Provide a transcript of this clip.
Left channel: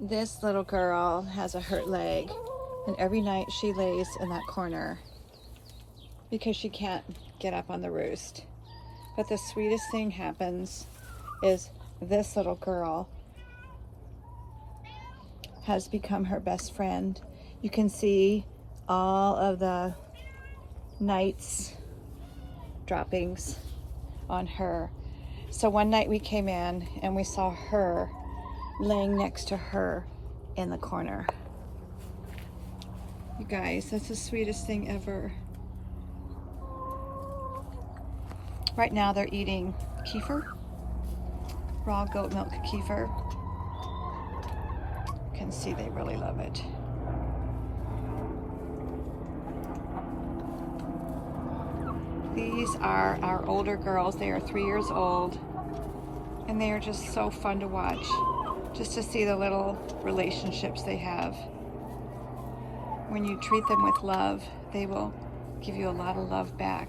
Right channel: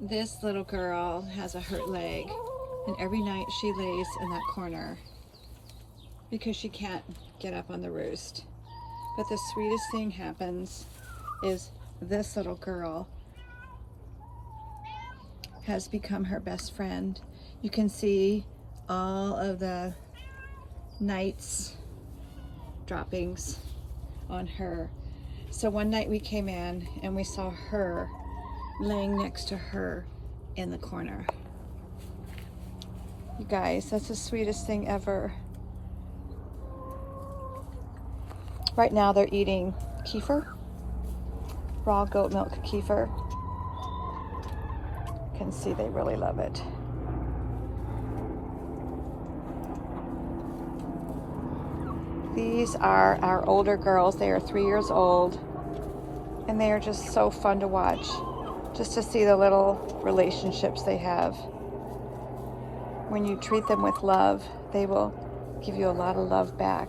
This little girl has a hurt leg, and every night she lays in that corner because she can't get up on the roost. But the sweetest thing happens is this little girl has become her best friend. You can see all of the night's droppings on her. So one night we came in and we saw her laying next to her in the corner. You guys, that's the sweetest thing ever. Right now they're eating kefir, raw goat milk kefir. You can see they really love it. These are our older girls. They are 3 years old, and they are just so fun to watch, just to see the little relationships they have. When you treat them with love, they will give you a lot of love back.